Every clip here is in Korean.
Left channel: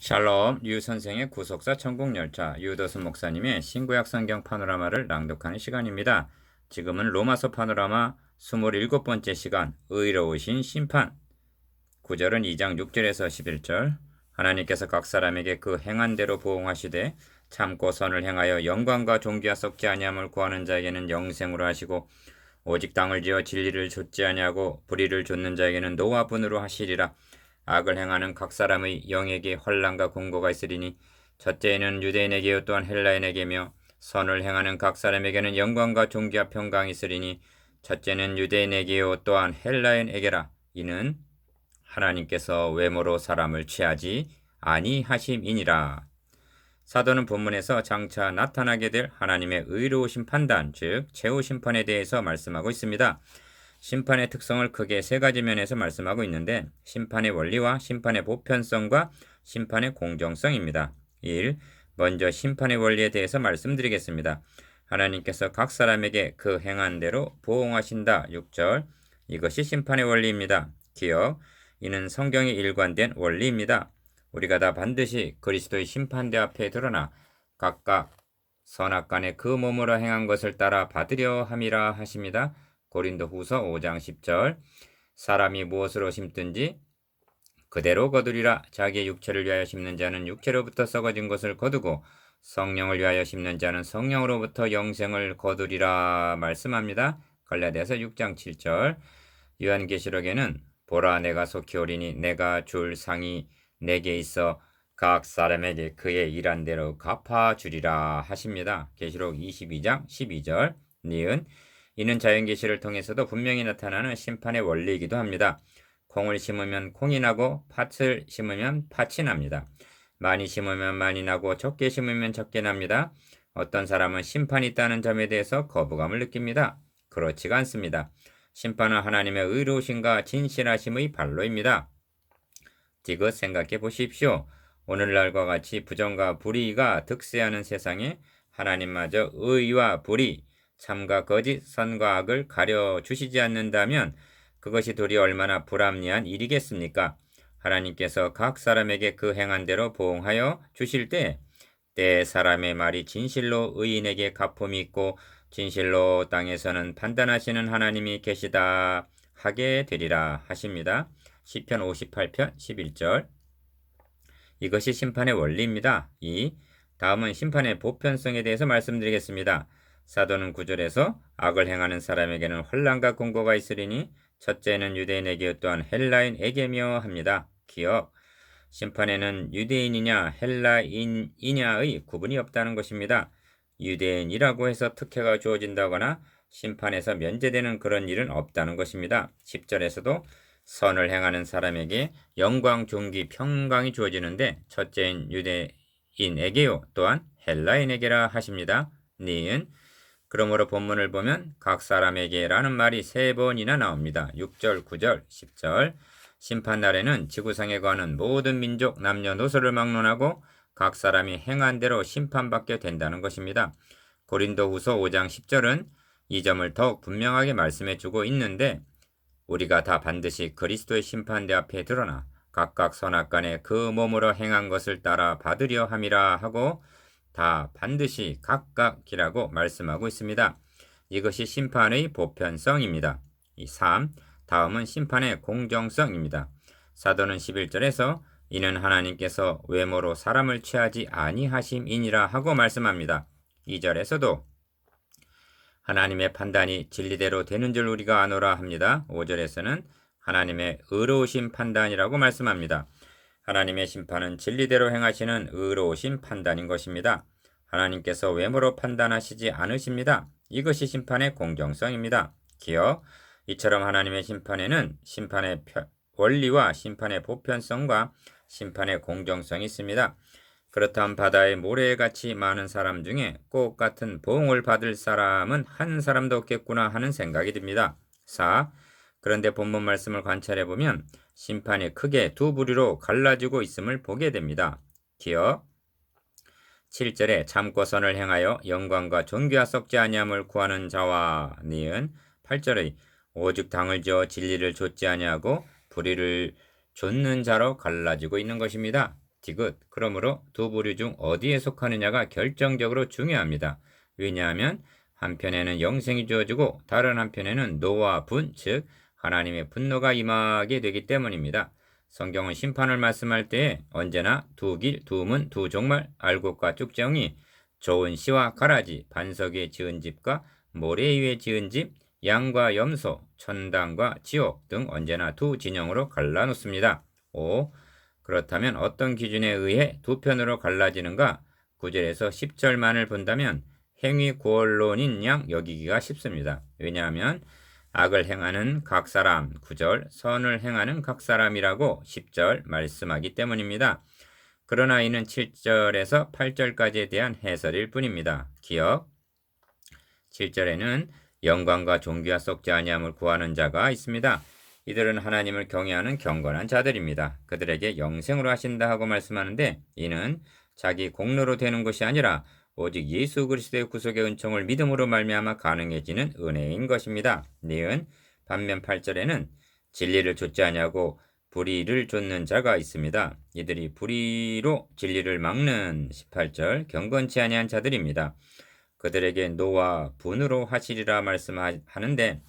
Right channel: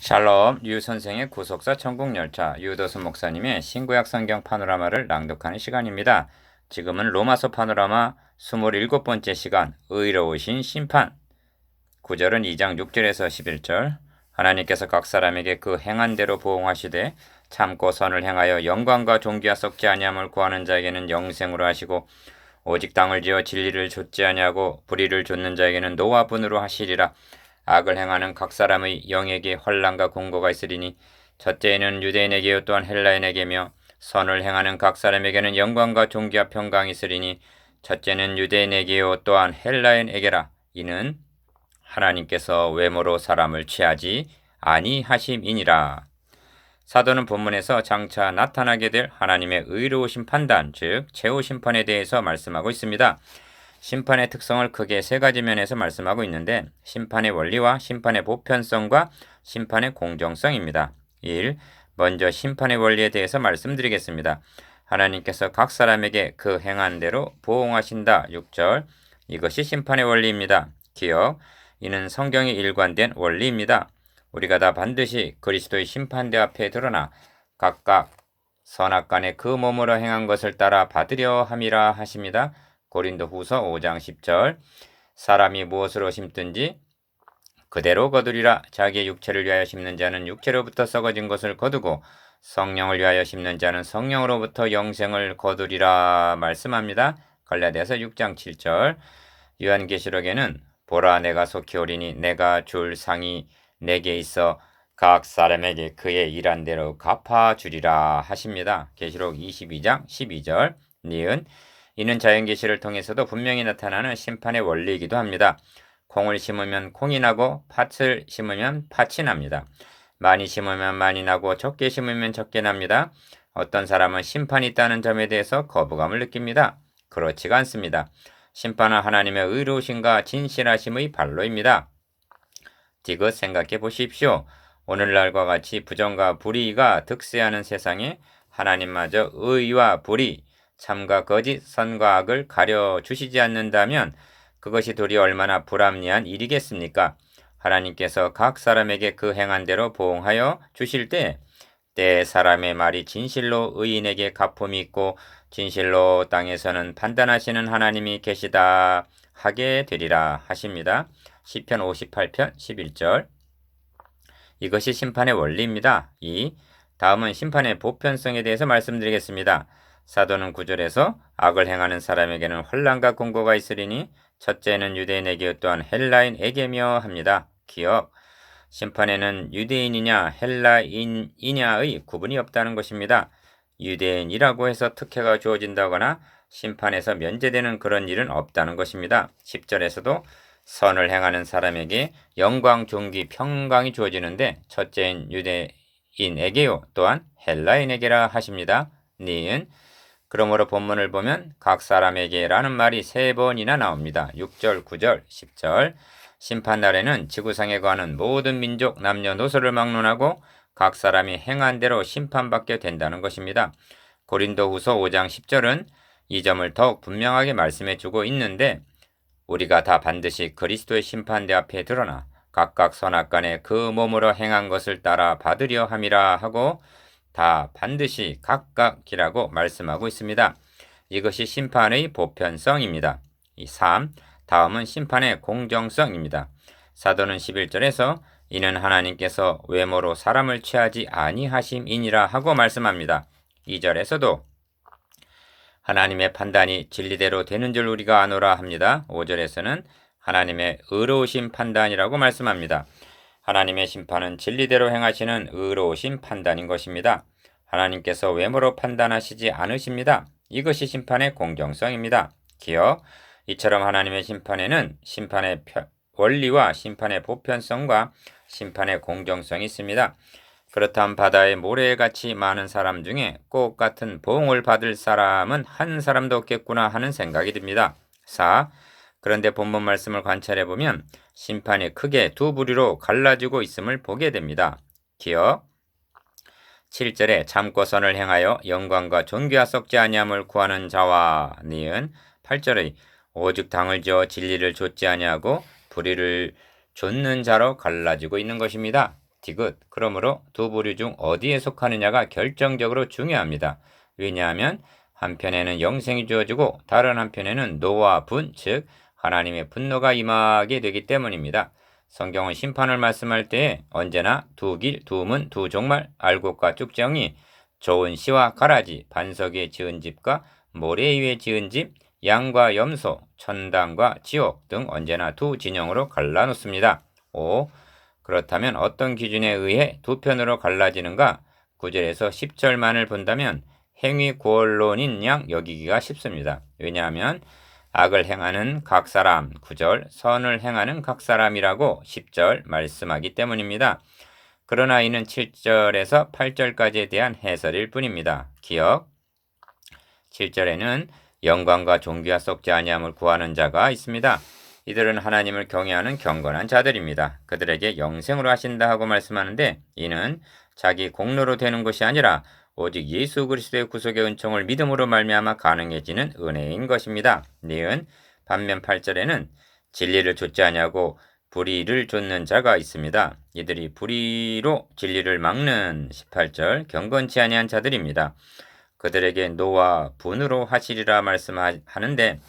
샬롬, 류 선생의 구속사 천국열차, 유도수 목사님의 신구약 성경 파노라마를 낭독하는 시간입니다. 지금은 로마서 파노라마 27번째 시간, 의로우신 심판. 9절은 2장 6절에서 11절. 하나님께서 각 사람에게 그 행한 대로 보응하시되 참고 선을 행하여 영광과 존귀와 썩지 아니함을 구하는 자에게는 영생으로 하시고 오직 땅을 지어 진리를 좇지 아니하고 불의를 좇는 자에게는 노와 분으로 하시리라. 악을 행하는 각 사람의 영에게 환난과 공고가 있으리니 첫째는 유대인에게요 또한 헬라인에게며 선을 행하는 각 사람에게는 영광과 존귀와 평강이 있으리니 첫째는 유대인에게요 또한 헬라인에게라. 이는 하나님께서 외모로 사람을 취하지 아니하심이니라. 사도는 본문에서 장차 나타나게 될 하나님의 의로우신 판단, 즉 최후 심판에 대해서 말씀하고 있습니다. 심판의 특성을 크게 세 가지 면에서 말씀하고 있는데 심판의 원리와 심판의 보편성과 심판의 공정성입니다. 1. 먼저 심판의 원리에 대해서 말씀드리겠습니다. 하나님께서 각 사람에게 그 행한 대로 보응하신다. 6절. 이것이 심판의 원리입니다. 기억. 이는 성경에 일관된 원리입니다. 우리가 다 반드시 그리스도의 심판대 앞에 드러나 각각 선악간에 그 몸으로 행한 것을 따라 받으려 함이라 하십니다. 고린도후서 5장 10절. 사람이 무엇으로 심든지 그대로 거두리라. 자기의 육체를 위하여 심는 자는 육체로부터 썩어진 것을 거두고 성령을 위하여 심는 자는 성령으로부터 영생을 거두리라 말씀합니다. 갈라디아서 6장 7절. 요한계시록에는 보라 내가 속히 오리니 내가 줄 상이 내게 있어 각 사람에게 그의 일한 대로 갚아주리라 하십니다. 계시록 22장 12절. 니은 이는 자연계시를 통해서도 분명히 나타나는 심판의 원리이기도 합니다. 콩을 심으면 콩이 나고 팥을 심으면 팥이 납니다. 많이 심으면 많이 나고 적게 심으면 적게 납니다. 어떤 사람은 심판이 있다는 점에 대해서 거부감을 느낍니다. 그렇지가 않습니다. 심판은 하나님의 의로우심과 진실하심의 발로입니다. 디귿 생각해 보십시오. 오늘날과 같이 부정과 불의가 득세하는 세상에 하나님마저 의와 불의, 참과 거짓, 선과 악을 가려주시지 않는다면 그것이 도리 얼마나 불합리한 일이겠습니까? 하나님께서 각 사람에게 그 행한 대로 보응하여 주실 때 사람의 말이 진실로 의인에게 가품이 있고 진실로 땅에서는 판단하시는 하나님이 계시다 하게 되리라 하십니다. 시편 58편 11절. 이것이 심판의 원리입니다. 2. 다음은 심판의 보편성에 대해서 말씀드리겠습니다. 사도는 9절에서 악을 행하는 사람에게는 환난과 공고가 있으리니 첫째는 유대인에게 또한 헬라인에게며 합니다. 기억. 심판에는 유대인이냐 헬라인이냐의 구분이 없다는 것입니다. 유대인이라고 해서 특혜가 주어진다거나 심판에서 면제되는 그런 일은 없다는 것입니다. 10절에서도 선을 행하는 사람에게 영광, 존귀, 평강이 주어지는데 첫째인 유대인에게요 또한 헬라인에게라 하십니다. 니은 그러므로 본문을 보면 각 사람에게라는 말이 3번이나 나옵니다. 6절, 9절, 10절. 심판날에는 지구상에 거하는 모든 민족, 남녀노소를 막론하고 각 사람이 행한 대로 심판받게 된다는 것입니다. 고린도후서 5장 10절은 이 점을 더욱 분명하게 말씀해 주고 있는데 우리가 다 반드시 그리스도의 심판대 앞에 드러나 각각 선악간에 그 몸으로 행한 것을 따라 받으려 함이라 하고 다 반드시 각각이라고 말씀하고 있습니다. 이것이 심판의 보편성입니다. 3. 다음은 심판의 공정성입니다. 사도는 11절에서 이는 하나님께서 외모로 사람을 취하지 아니하심이니라 하고 말씀합니다. 2절에서도 하나님의 판단이 진리대로 되는 줄 우리가 아노라 합니다. 5절에서는 하나님의 의로우신 판단이라고 말씀합니다. 하나님의 심판은 진리대로 행하시는 의로우신 판단인 것입니다. 하나님께서 외모로 판단하시지 않으십니다. 이것이 심판의 공정성입니다. 기억. 이처럼 하나님의 심판에는 심판의 원리와 심판의 보편성과 심판의 공정성이 있습니다. 그렇다면 바다의 모래같이 많은 사람 중에 꼭 같은 보응을 받을 사람은 한 사람도 없겠구나 하는 생각이 듭니다. 4. 그런데 본문 말씀을 관찰해 보면 심판이 크게 두 부류로 갈라지고 있음을 보게 됩니다. 기억. 7절에 참고 선을 행하여 영광과 존귀와 썩지 아니함을 구하는 자와 니은 8절의 오직 당을 지어 진리를 좇지 아니하고 불의를 좇는 자로 갈라지고 있는 것입니다. 디귿. 그러므로 두 부류 중 어디에 속하느냐가 결정적으로 중요합니다. 왜냐하면 한편에는 영생이 주어지고 다른 한편에는 노와 분, 즉 하나님의 분노가 임하게 되기 때문입니다. 성경은 심판을 말씀할 때에 언제나 두 길, 두 문, 두 종말, 알곡과 쭉정이, 좋은 씨와 가라지, 반석에 지은 집과 모래 위에 지은 집, 양과 염소, 천당과 지옥 등 언제나 두 진영으로 갈라놓습니다. 5. 그렇다면 어떤 기준에 의해 두 편으로 갈라지는가? 9절에서 10절만을 본다면 행위 구원론인 양 여기기가 쉽습니다. 왜냐하면 악을 행하는 각 사람 9절, 선을 행하는 각 사람이라고 10절 말씀하기 때문입니다. 그러나 이는 7절에서 8절까지에 대한 해설일 뿐입니다. 기억 7절에는 영광과 존귀와 썩지 아니함을 구하는 자가 있습니다. 이들은 하나님을 경외하는 경건한 자들입니다. 그들에게 영생으로 하신다 하고 말씀하는데 이는 자기 공로로 되는 것이 아니라 오직 예수 그리스도의 구속의 은총을 믿음으로 말미암아 가능해지는 은혜인 것입니다. 니은 반면 8절에는 진리를 좇지 아니하고 불의를 좇는 자가 있습니다. 이들이 불의로 진리를 막는 18절 경건치 아니한 자들입니다. 그들에게 노와 분으로 하시리라 말씀하는데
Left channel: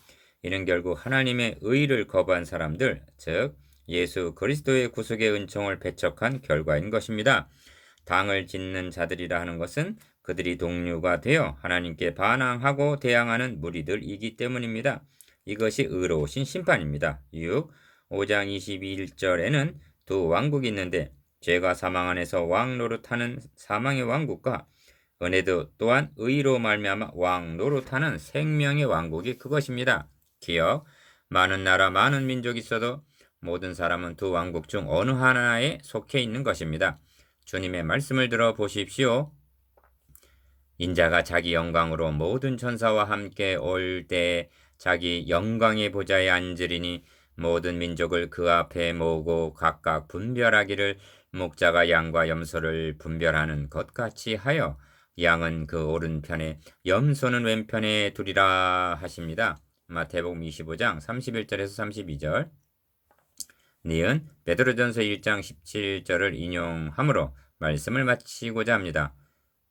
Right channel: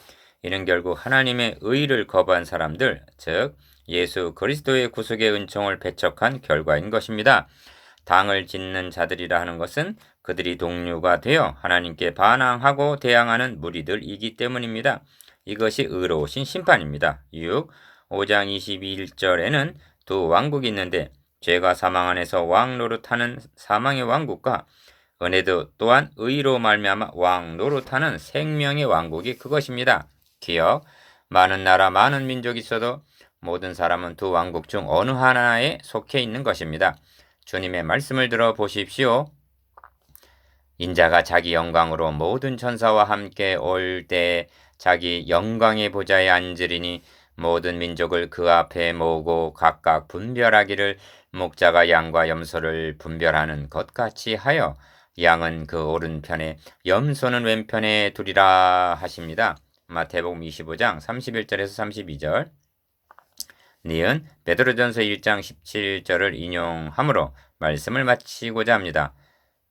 이는 결국 하나님의 의를 거부한 사람들, 즉 예수 그리스도의 구속의 은총을 배척한 결과인 것입니다. 당을 짓는 자들이라 하는 것은 그들이 동류가 되어 하나님께 반항하고 대항하는 무리들이기 때문입니다. 이것이 의로우신 심판입니다. 6. 5장 21절에는 두 왕국이 있는데 죄가 사망 안에서 왕 노릇하는 사망의 왕국과 은혜도 또한 의로 말미암아 왕 노릇하는 생명의 왕국이 그것입니다. 기억, 많은 나라 많은 민족이 있어도 모든 사람은 두 왕국 중 어느 하나에 속해 있는 것입니다. 주님의 말씀을 들어 보십시오. 인자가 자기 영광으로 모든 천사와 함께 올 때 자기 영광의 보좌에 앉으리니 모든 민족을 그 앞에 모으고 각각 분별하기를 목자가 양과 염소를 분별하는 것 같이 하여 양은 그 오른편에 염소는 왼편에 두리라 하십니다. 마태복음 25장 31절에서 32절. 니은 베드로전서 1장 17절을 인용하므로 말씀을 마치고자 합니다.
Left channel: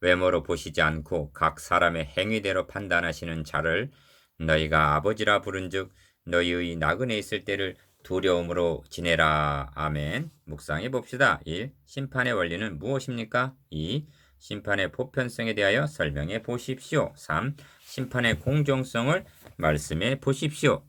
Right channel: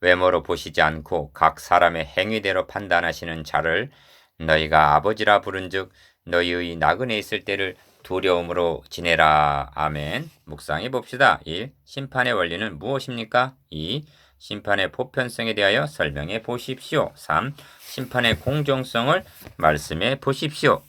외모로 보시지 않고 각 사람의 행위대로 판단하시는 자를 너희가 아버지라 부른즉 너희의 나그네 있을 때를 두려움으로 지내라. 아멘. 묵상해 봅시다. 1. 심판의 원리는 무엇입니까? 2. 심판의 보편성에 대하여 설명해 보십시오. 3. 심판의 공정성을 말씀해 보십시오.